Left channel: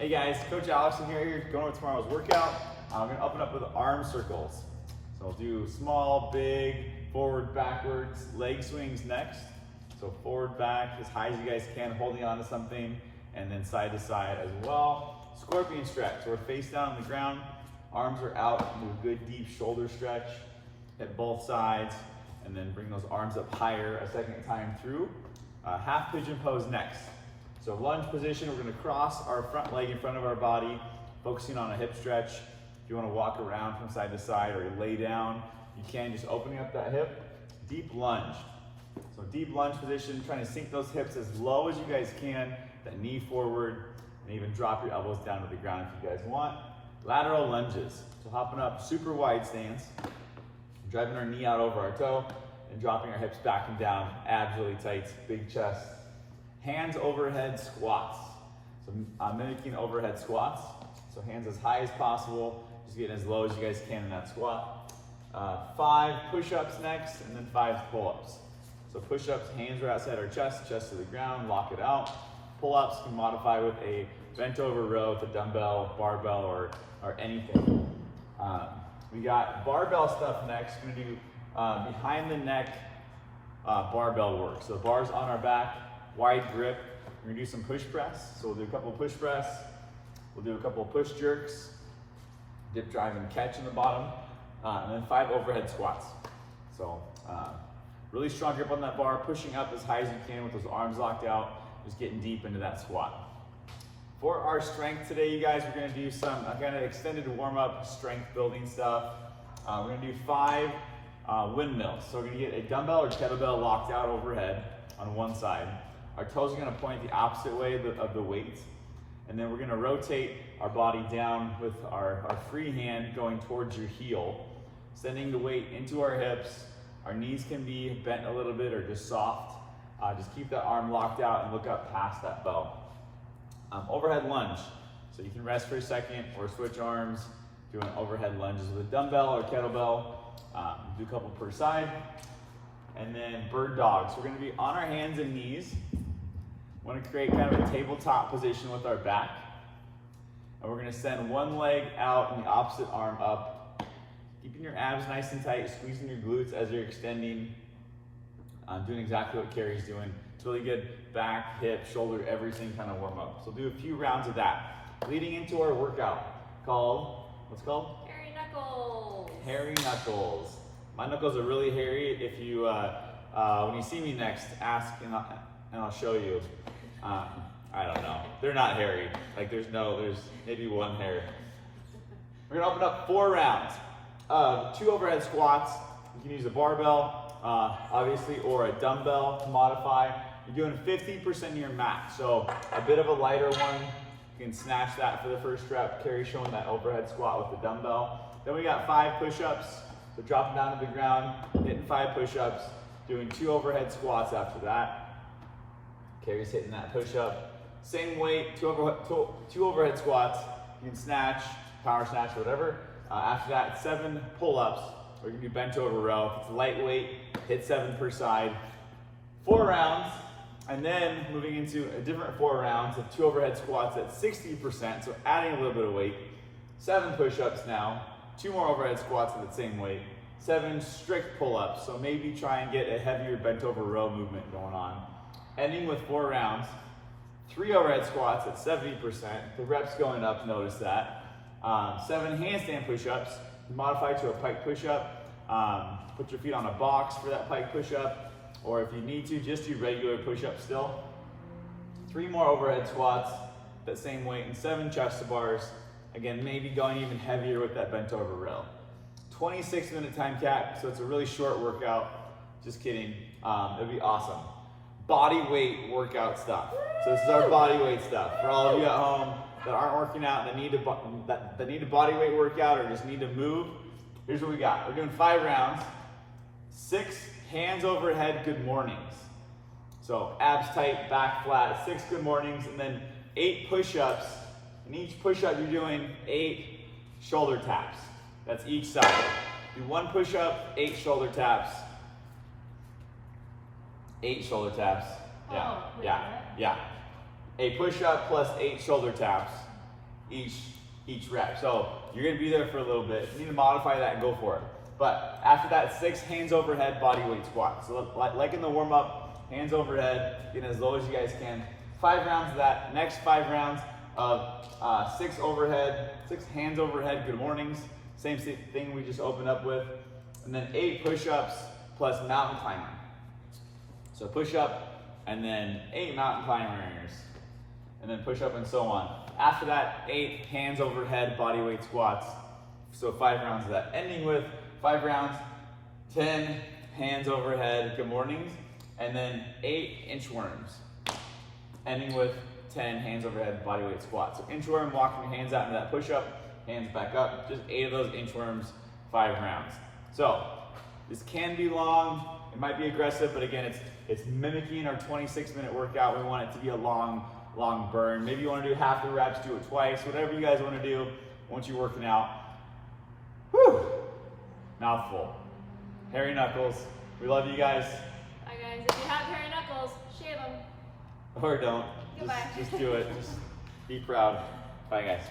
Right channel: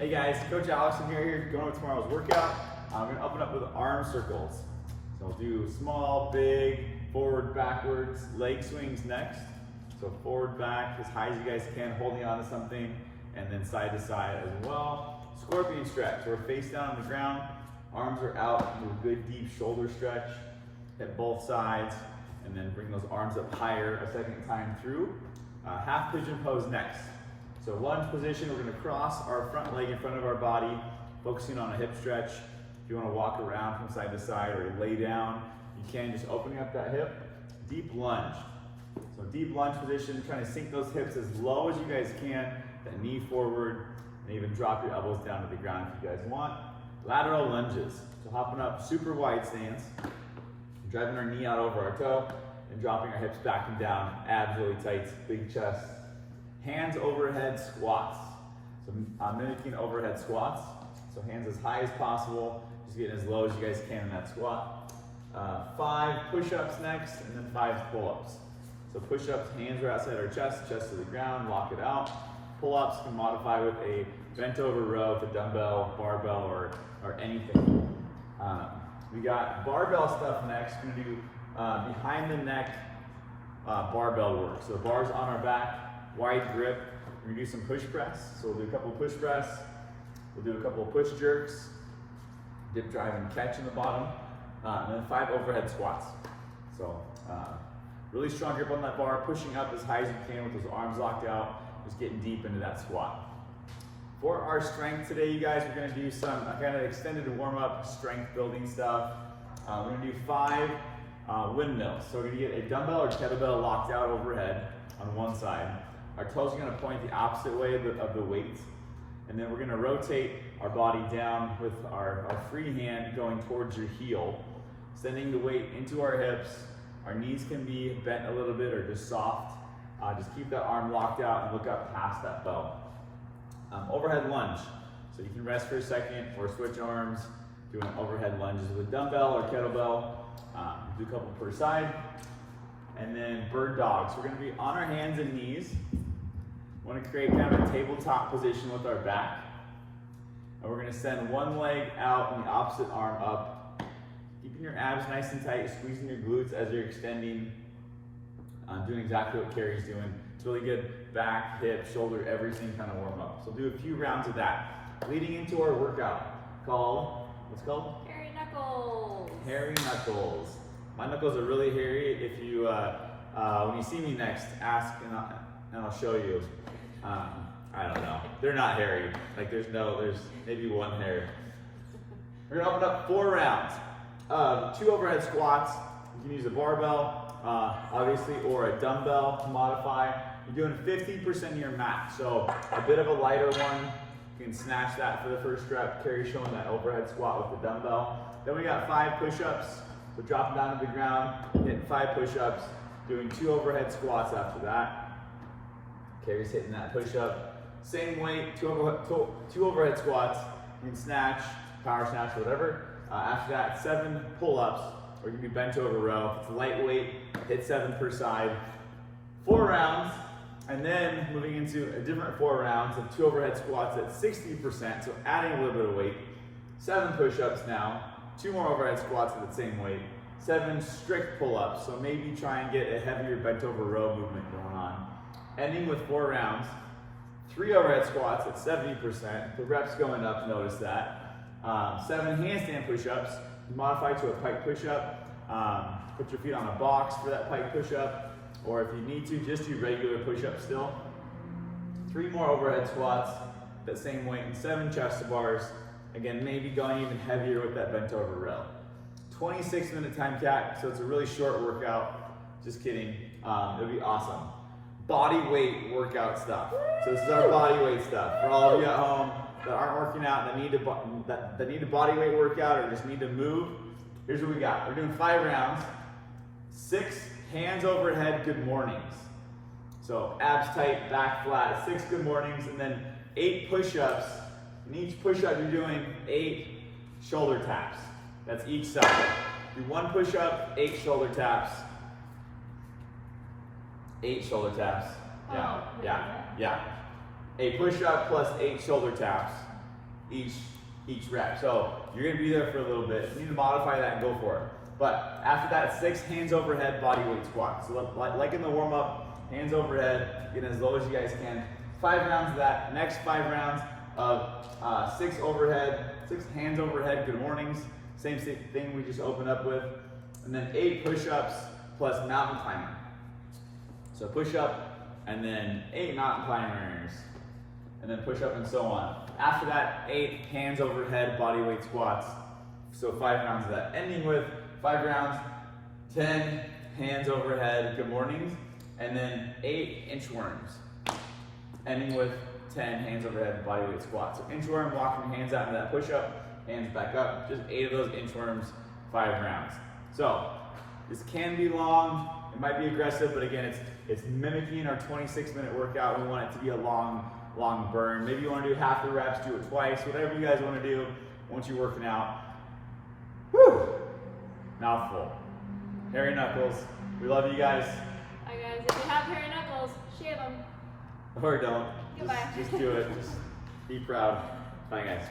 Hey guys, Coach Alex here going over tomorrow's workout. I'm going to open up with arm circles. So I'll do small, big, forward, backwards, leg swings next. So forward, back, as high as you guys can, holding on to something, and then side to side as well. Scorpion stretch, so we're face down on the ground, arms are out, do a good deep shoulder stretch, hit both sides, and then bring those arms up higher a second time through. Half pigeon pose next. So lunge position, we're gonna cross our front leg in front of our body, focusing on a hip stretch. If you wanna walk around from side to side or lay down, you can, just opening up that hip. Deep lunge. So deep lunge position, trying to sink those hips as low as you guys can, that knee forward, and even drop your elbows down to the ground if you guys want. Lateral lunges. So hopping up, super wide stance, driving our knee out over our toe, and dropping our hips back and down, abs really tight, big chest. Hands overhead squats. So mimicking overhead squats. So hands as high as possible, just getting as low as you guys can in that squat. 5 push-ups next, and then 5 pull-ups. So push-ups, hands are outside our chest, chest to the ground, lock it out. Pull-ups can modify with a bent over row with a dumbbell, barbell, or anything. We got barbell stuff next. We're gonna do behind the neck barbell work. So the bar's on our back, wide grip. We're gonna do some push press. So we'll do a couple push press. We'll do a couple of push jerks, dip, drive, and catch in the bottom, and then 5 overhead squats. So really strong grip on that bar, pushing up as high as you can with those arms locked out, just getting deep into that squat. For our strength today, you guys, we're gonna do some kind of extended warm-up strength building stuff. We're gonna do 5 windmills. So we're gonna get a dumbbell or kettlebell locked out overhead on one side. Our toes are gonna point the opposite way of the weight. And then we're gonna rotate our body down with our free hand going towards your heel, sending the weight into our hips. Our knees can be bent a little bit or just soft. Just keep that arm locked out and look up past that bow. Overhead lunge. So you can rest for a second or switch arms, doing overhead lunges with a dumbbell or kettlebell. Do a couple per side. And then bird dogs. We're gonna be on our hands and knees. We want to create kind of a tabletop position with our back. And we're going to send one leg out and the opposite arm up. Keeping your abs nice and tight, squeezing your glutes as you're extending. Doing exactly what Carrie's doing. It's really good back, hip, shoulder, everything kind of warm up. So we'll do a few rounds of that. Leading into our workout called, what's it called? Hairy knuckles. Hairy knuckles. My knuckles are really hairy. If you, when you see me next, ask and I'll show you. I don't know. They're not hairy. Like there's maybe one hair. We're gonna open up 4 rounds. 2 overhead squats. You can use a barbell, obviously, or a dumbbell to modify. You're doing 50% of your max. So a bit of a lighter one. You can snatch that for the first rep. Carrie showing that overhead squat with the dumbbell. Then we got 5 push-ups. So dropping down to the ground, hitting 5 push-ups, doing 2 overhead squats after that. Carrie's hitting that push-up. Same weight, 2 overhead squats. You can snatch, power snatch, whatever. After that, 7 pull-ups, or you can do bench over row. If it's lightweight, hit 7 per side. 4 rounds, and then moving into a different 4 rounds of 2 overhead squats at 60%, so adding a little bit of weight. 7 push-ups now, 2 more overhead squats at the same weight. 7 strict pull-ups, so maybe try and get a heavier bent over row movement going on. Ending with 4 rounds, 3 overhead squats at 70%. The reps going up, notice that. 7 handstand push-ups, modify to a pike push-up. Put your feet on a box for that pike push-up, or if you need to, just do regular push-ups still. 3 more overhead squats, that same weight, and 7 chest to bars. Again, maybe going even heavier with that bent over row. 26-minute time cap, so it's a really short workout. Just kidding, it'll be awesome. Body weight workout stuff. So this is our body weight stuff. For all of you at home that aren't working out, that need a body weight workout or just need to move, here's what we got. We're doing 5 rounds, 6 hands overhead good mornings. So abs tight, back flat, 6 good mornings, and then 8 push-ups. In each push-up, you're doing 8 shoulder taps. That's each side. Do 1 push-up, 8 shoulder taps. 8 shoulder taps. Yeah. A push-up plus 8 shoulder taps. each rep. So you're gonna be there for a little bit. If you need to modify that and go for it. But after that, 6 hands overhead body weight squats. So like in the warm up, hands overhead, getting as low as you guys can. 5 rounds of that. Next 5 rounds of 6 hands overhead, good mornings. Same thing we just opened up with. And then 8 push-ups plus mountain climber. So push-up and then 8 mountain climbers. And then push-up and so on. After that, 8 hands overhead body weight squats. So 5 rounds of that. Ending with 5 rounds, 10 hands overhead, good mornings, and then 8 inchworms. Ending with 10 hands overhead body weight squats. So inchworm, walking your hands out into that push-up, hands back up, just 8 of those inchworms, 5 rounds. So this can be long, it might be aggressive, but again, it's mimicking our 26-minute workout. We want it to be a long burn. Maybe you want to do half the reps, do it twice, whatever you guys want to do once you're working out. Whew. Mouthful. Hairy knuckles. We love you guys. Bye guys. If you have hairy knuckles, shave them. Or don't. Goodbye. Just do it. Just be proud. Bye guys.